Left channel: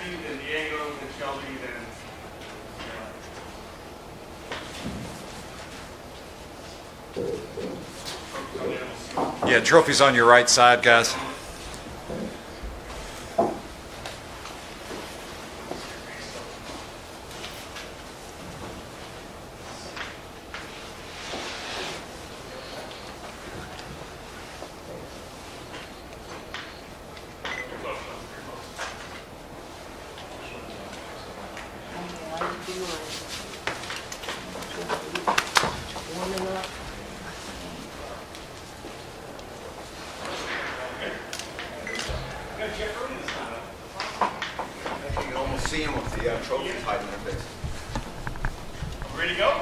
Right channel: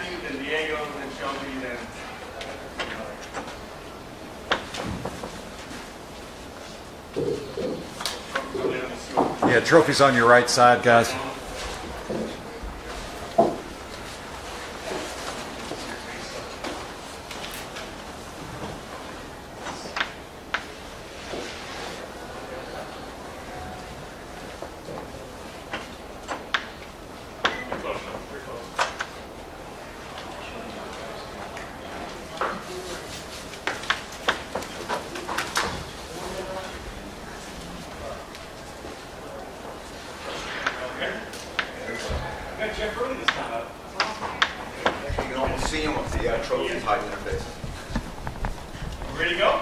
Matthew, then Diego, then Shelby, then Yeah, trophy's on your right side, guys. You can almost see them with the trophies hiding in their face. ready to go?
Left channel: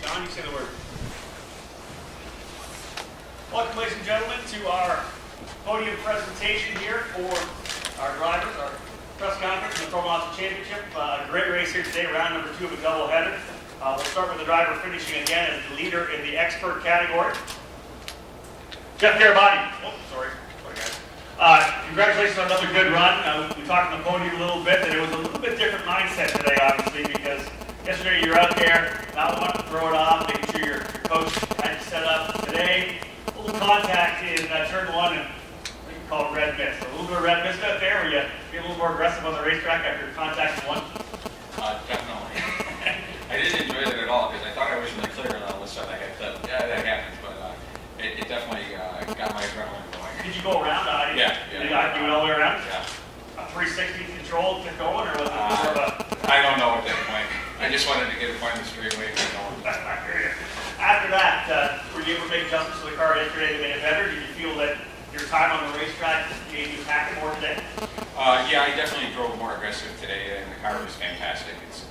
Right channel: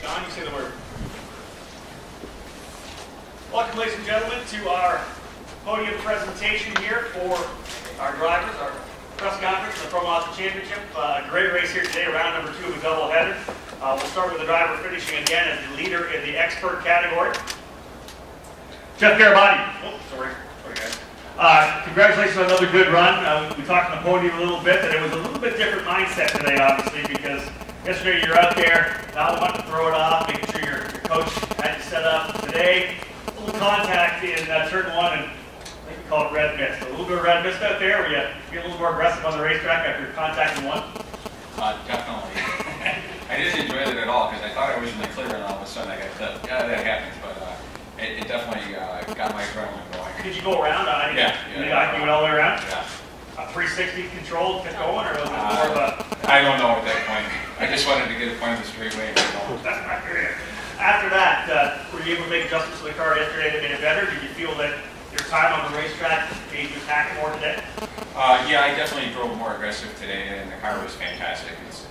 John, you say the word. Welcome, ladies and gentlemen, to our podium presentation here for our drivers, our press conference in the Pro Mazda Championship. A great race here today, round number 2 of a doubleheader. We'll start with the driver finishing again as the leader in the expert category. Jeff Garibaldi. Oh, sorry guys. Congratulations on another good run. We talked on the podium a little bit that it was a little bit different mindset today, obviously, because yesterday you're out there, not wanting to throw it off, making sure your coach had you set up. Today, a little contact in turn 1, and I think you call it red mist. A little bit of red mist out there, where you be a little more aggressive on the racetrack after contacting 1. Definitely. I didn't enjoy it at all because I thought I was in the clear, and all of a sudden I got clipped. Yeah, that happens, but it definitely got my adrenaline going. Did you go around? Yeah. You went all the way around? Yeah. A 360 control kept going, or was it more of a... I don't know at that point. I just wanted to get a point of the straightaway. After that, were you able to make adjustments to the car yesterday that made it better? Did you feel that your time on the racetrack made you attack it more today? Yeah, I definitely drove more aggressive today, and the car was fantastic. It's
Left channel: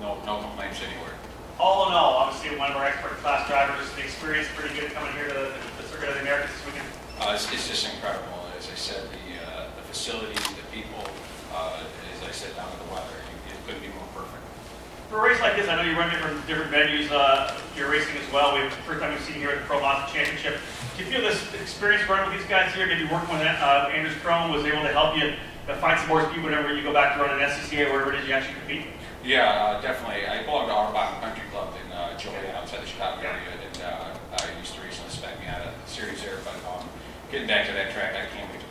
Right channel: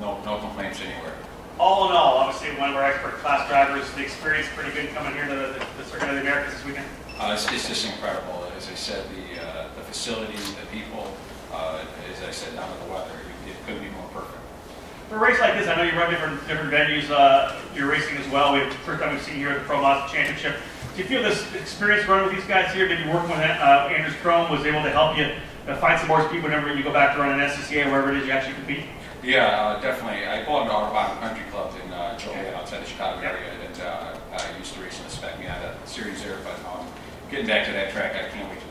no complaints anywhere. All in all, obviously one of our expert class drivers, the experience pretty good coming here to the Circuit of the Americas this weekend. It's just incredible. As I said, the facilities, the people, as I said, down to the weather, it couldn't be more perfect. For a race like this, I know you run different venues. You're racing as well. We have the first time we've seen you here at the Pro Mazda Championship. Do you feel this experience running with these guys here, maybe working with Andrews Chrome, was able to help you find some more speed whenever you go back to run an SCCA or wherever it is you actually compete? Yeah, definitely. I belong to Autobahn Country Club in Joliet outside the Chicago area, and I used to recently spec me out a series there. But getting back to that track, I can't wait to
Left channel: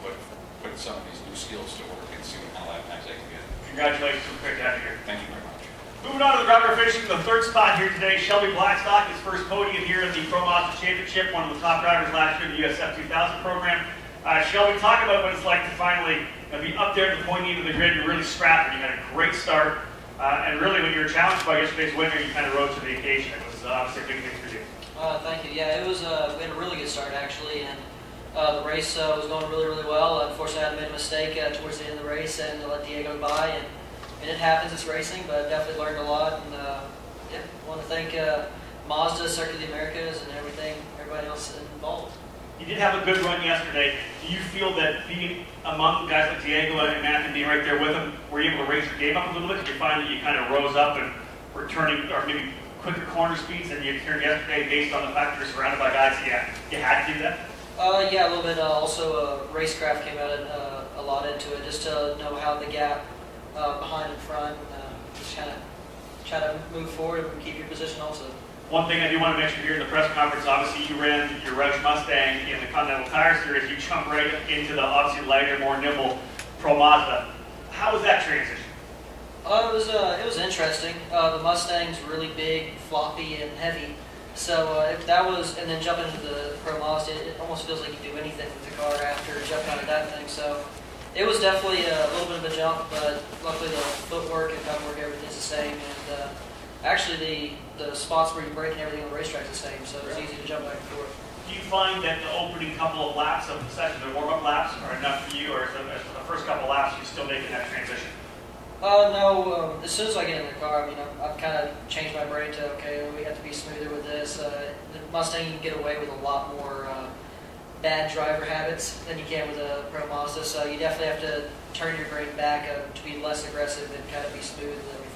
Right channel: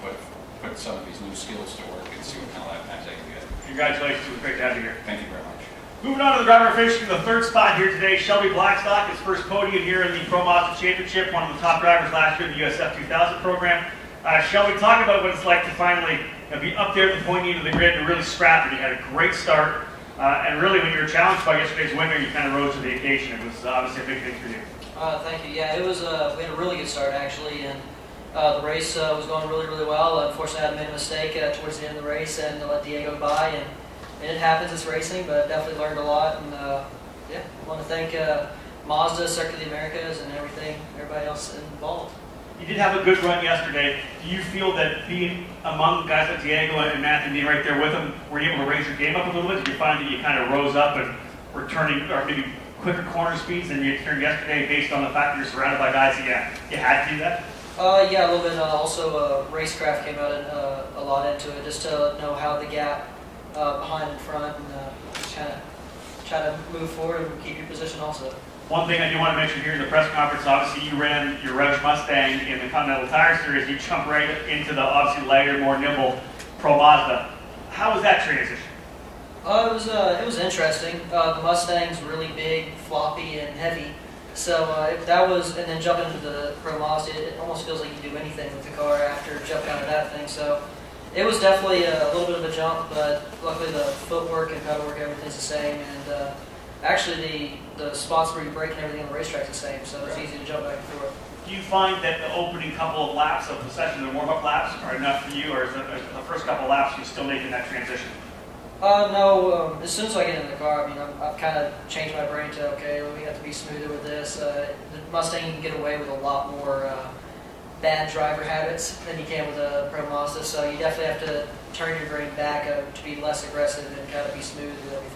put some of these new skills to work and see what kind of lap times I can get. Congratulations. It was great to have you here. Thank you very much. Moving on to the driver finishing the 3rd spot here today, Shelby Blackstock, his first podium here in the Pro Mazda Championship, one of the top drivers last year in the USF 2000 program. Shelby, talk about what it's like to finally be up there at the pointy end of the grid and really scrap it. You had a great start, and really when you were challenged by yesterday's winner, you kind of rose to the occasion. It was obviously a big thing for you. Thank you. Yeah, it was. We had a really good start actually, and the race was going really well. Unfortunately, I had made a mistake towards the end of the race and let Diego by, and it happens. It's racing, but I definitely learned a lot. And yeah, I want to thank Mazda, Circuit of the Americas, and everybody else involved. You did have a good run yesterday. Do you feel that being among guys like Diego and Matthew, being right there with them, were you able to raise your game up a little bit? Did you find that you kind of rose up and were turning, or maybe quicker corner speeds than you experienced yesterday based on the fact that you're surrounded by guys that you had to do that? Yeah, a little bit. Also, racecraft came out a lot into it, just to know how the gap behind and front, and just try to move forward and keep your position also. One thing I do want to mention here in the press conference, obviously you ran your Roush Mustang in the Continental Tire Series. You jumped right into the obviously lighter, more nimble Pro Mazda. How was that transition? It was interesting. The Mustang's really big, floppy, and heavy. So if that was, and then jumping into the Pro Mazda, it almost feels like you can do anything with the car after jumping out of that thing. So it was definitely a little bit of a jump, but luckily the footwork and pedal work, everything's the same. And actually the spots where you brake and everything on the racetrack's the same, so it's easy to jump back and forth. Do you find that the opening couple of laps of the session, the warm-up laps, are enough for you, or is the first couple of laps you still making that transition? No, as soon as I get in the car, I mean, I've kind of changed my brain to, okay, we have to be smoother with this. The Mustang, you can get away with a lot more bad driver habits than you can with a Pro Mazda, so you definitely have to turn your brain back to be less aggressive and kind of be smooth with everything.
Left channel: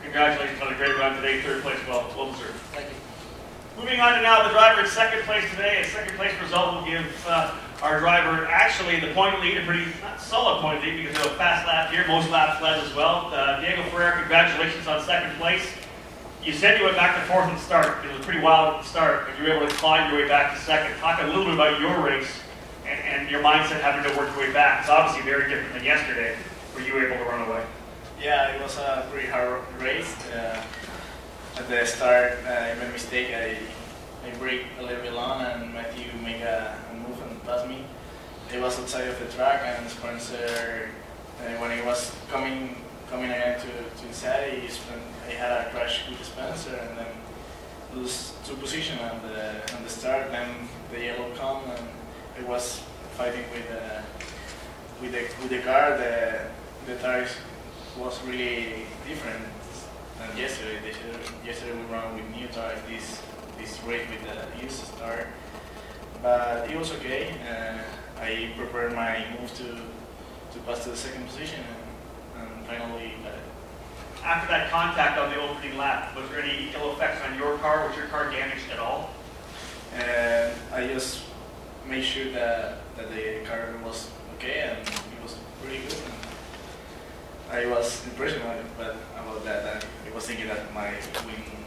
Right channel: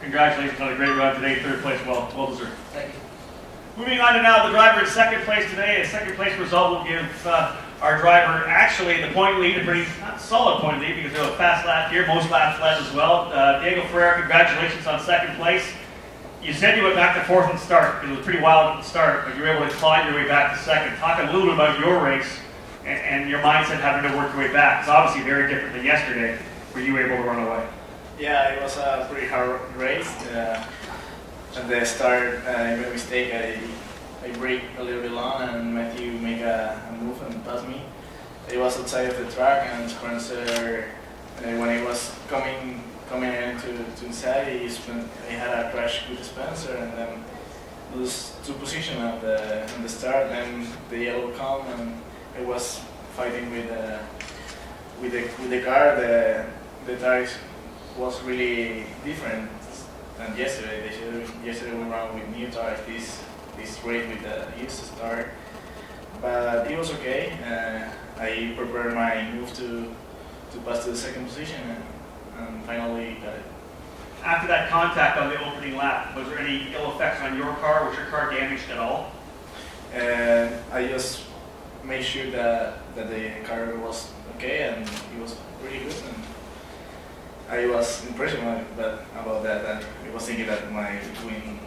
Congratulations on a great run today, 3rd place, well deserved. Thank you. Moving on to now the driver in 2nd place today. A 2nd place result will give our driver actually in the point lead, a pretty not solid point lead because they have a fast lap here, most laps led as well. Diego Ferrer, congratulations on second place. You said you went back to fourth and start. It was a pretty wild start, but you were able to climb your way back to second. Talk a little bit about your race and your mindset having to work your way back. It's obviously very different than yesterday. Were you able to run away? Yeah, it was a pretty hard race. At the start, I made a mistake. I brake a little bit long, and Matthew made a move and passed me. It was outside of the track, and Spencer, when he was coming again to inside, he had a crash with Spencer, and then lose two positions on the start, and the yellow come, and it was fighting with the car. The tires was really different than yesterday. Yesterday we ran with new tires. This race with the used tire, but it was okay. I prepared my move to pass to the second position, and finally got it. After that contact on the opening lap, was there any ill effects on your car? Was your car damaged at all? I just made sure that the car was okay, and it was pretty good. And I was impressed about that. And I was thinking that my wing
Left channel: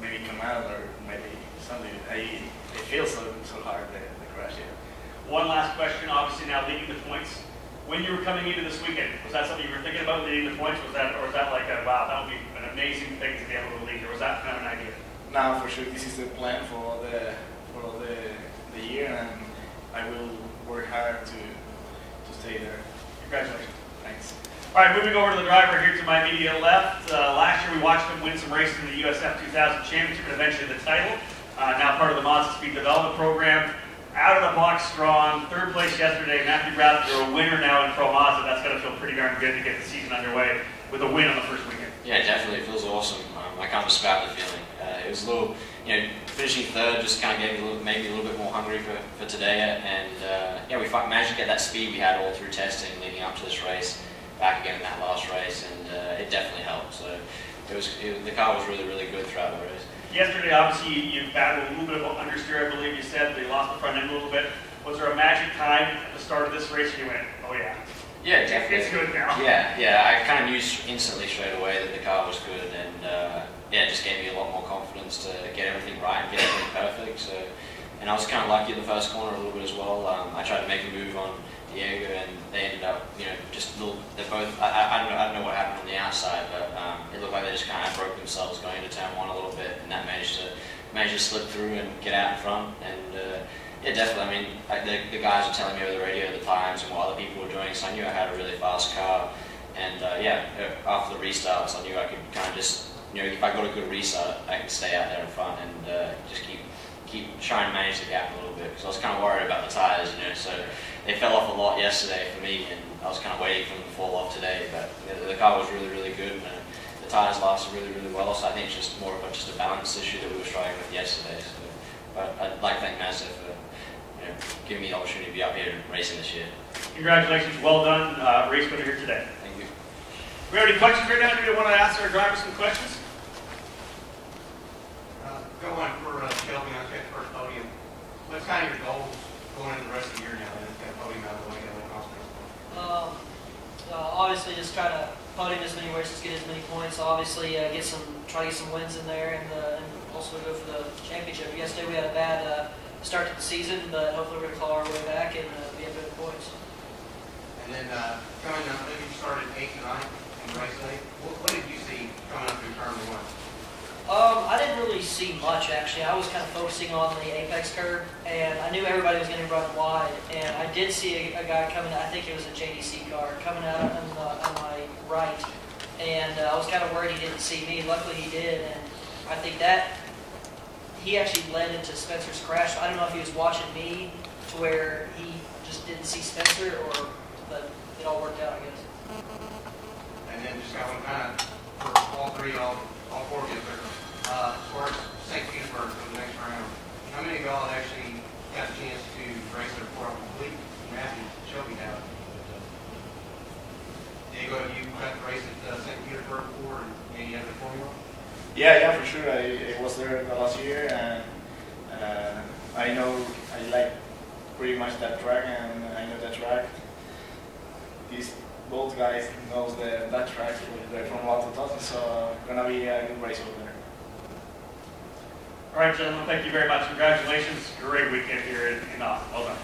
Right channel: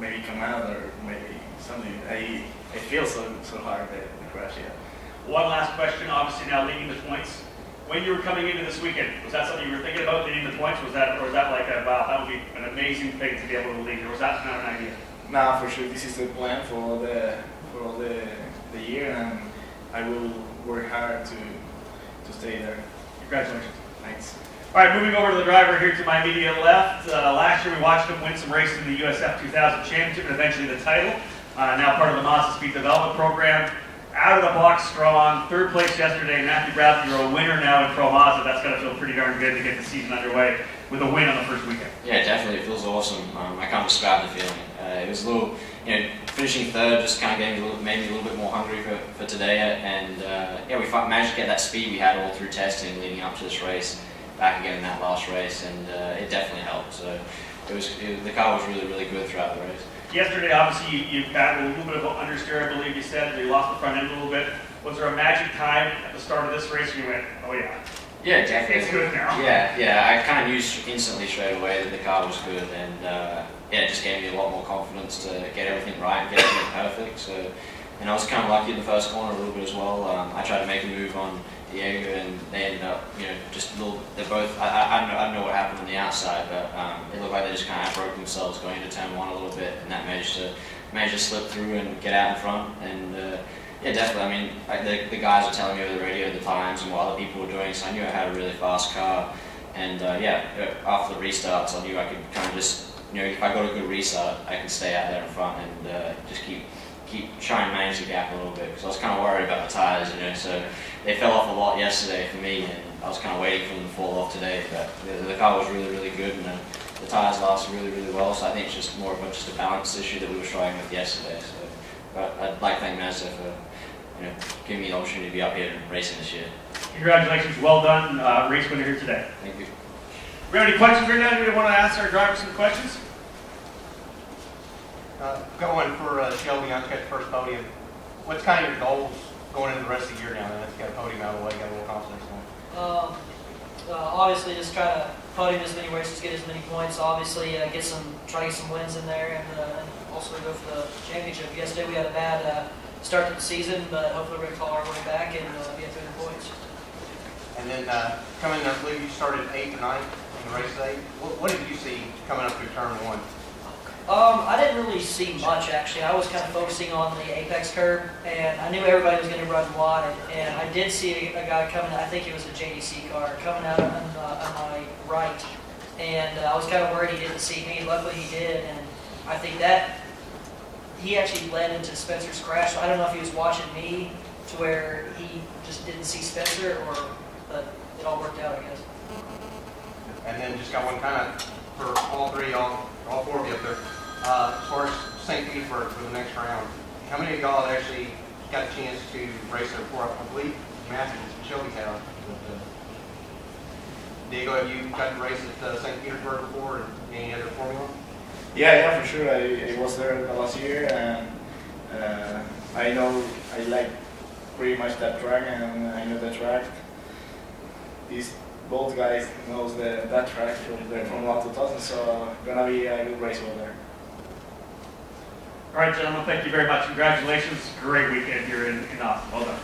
maybe come out or maybe something. I feel so hard the crash. Yeah. One last question. Obviously now leading the points. When you were coming into this weekend, was that something you were thinking about leading the points? Was that like wow, that would be an amazing thing to be able to lead? Or was that kind of an idea? No, for sure. This is the plan for all the year, and I will work hard to stay there. Congratulations. Thanks. All right, moving over to the driver here to my immediate left. Last year we watched him win some races in the USF 2000 Championship and eventually the title. Now part of the Mazda Speed Development Program. Out of the box strong, third place yesterday. Matthew Bradley, you're a winner now in Pro Mazda. That's got to feel pretty darn good to get the season underway with a win on the first weekend. Yeah, definitely. It feels awesome. I can't describe the feeling. It was a little, finishing third just kind of made me a little bit more hungry for today. And yeah, we managed to get that speed we had all through testing leading up to this race back again in that last race, and it definitely helped. So the car was really, really good throughout the race. Yesterday, obviously, you battled a little bit of understeer, I believe you said. You lost the front end a little bit. Was there a magic time at the start of this race and you went, oh yeah? Yeah, definitely. It's good now. Yeah. I kind of knew instantly straight away that the car was good, and yeah, it just gave me a lot more confidence to get everything right and get everything perfect. So, and I was kind of lucky in the first corner a little bit as well. I tried to make a move on Diego, and they ended up, just a little. They're both. I don't know what happened on the outside, but it looked like they just kind of broke themselves going into turn one a little bit, and that managed to slip through and get out in front. And yeah, definitely. I mean, the guys were telling me over the radio the times and what other people were doing, so I knew I had a really fast car. And yeah, after the restarts, I knew I could kind of just, if I got a good restart, I could stay out there in front and just keep trying to manage the gap a little bit, because I was kind of worried about the tires, so they fell off a lot yesterday for me, and I was kind of waiting for them to fall off today. But the car was really, really good, and the tires lasted really, really well. So I think it's just more of a balance issue that we were struggling with yesterday. So, but I'd like to thank Mazda for giving me the opportunity to be up here racing this year. Congratulations, well done, race winner here today. Thank you. We have any questions right now? Do we want to ask our drivers some questions? Got one for Shelby on the first podium. What's kind of your goals going into the rest of the year now? Let's get a podium out of the way, get a little confidence going. Obviously, just try to podium as many races, get as many points. Obviously, try to get some wins in there, and also go for the championship. Yesterday we had a bad start to the season, but hopefully we're going to call our way back and get good points. And then coming up, I believe you started 8th or 9th in race 8. What did you see coming up through turn 1? I didn't really see much, actually. I was kind of focusing on the apex curve, and I knew everybody was going to run wide. And I did see a guy coming, I think it was a JDC car, coming out on my right. And I was kind of worried he didn't see me. Luckily he did, and I think that he actually led into Spencer's crash. I don't know if he was watching me to where he just didn't see Spencer, but it all worked out, I guess. And then just got one kind of for all four of you up there. As far as St. Petersburg for the next round, how many of y'all actually got a chance to race there before I complete? Matthew, Shelby have. Diego, have you got to race at St. Petersburg before, or any other Formula? Yeah, for sure. I was there last year, and I know I like pretty much that track, and I know that track. Both guys knows that track because they're from Mazda 2000, so gonna be a good race over there. All right, gentlemen, thank you very much. Congratulations. Great weekend here in Austin. Well done.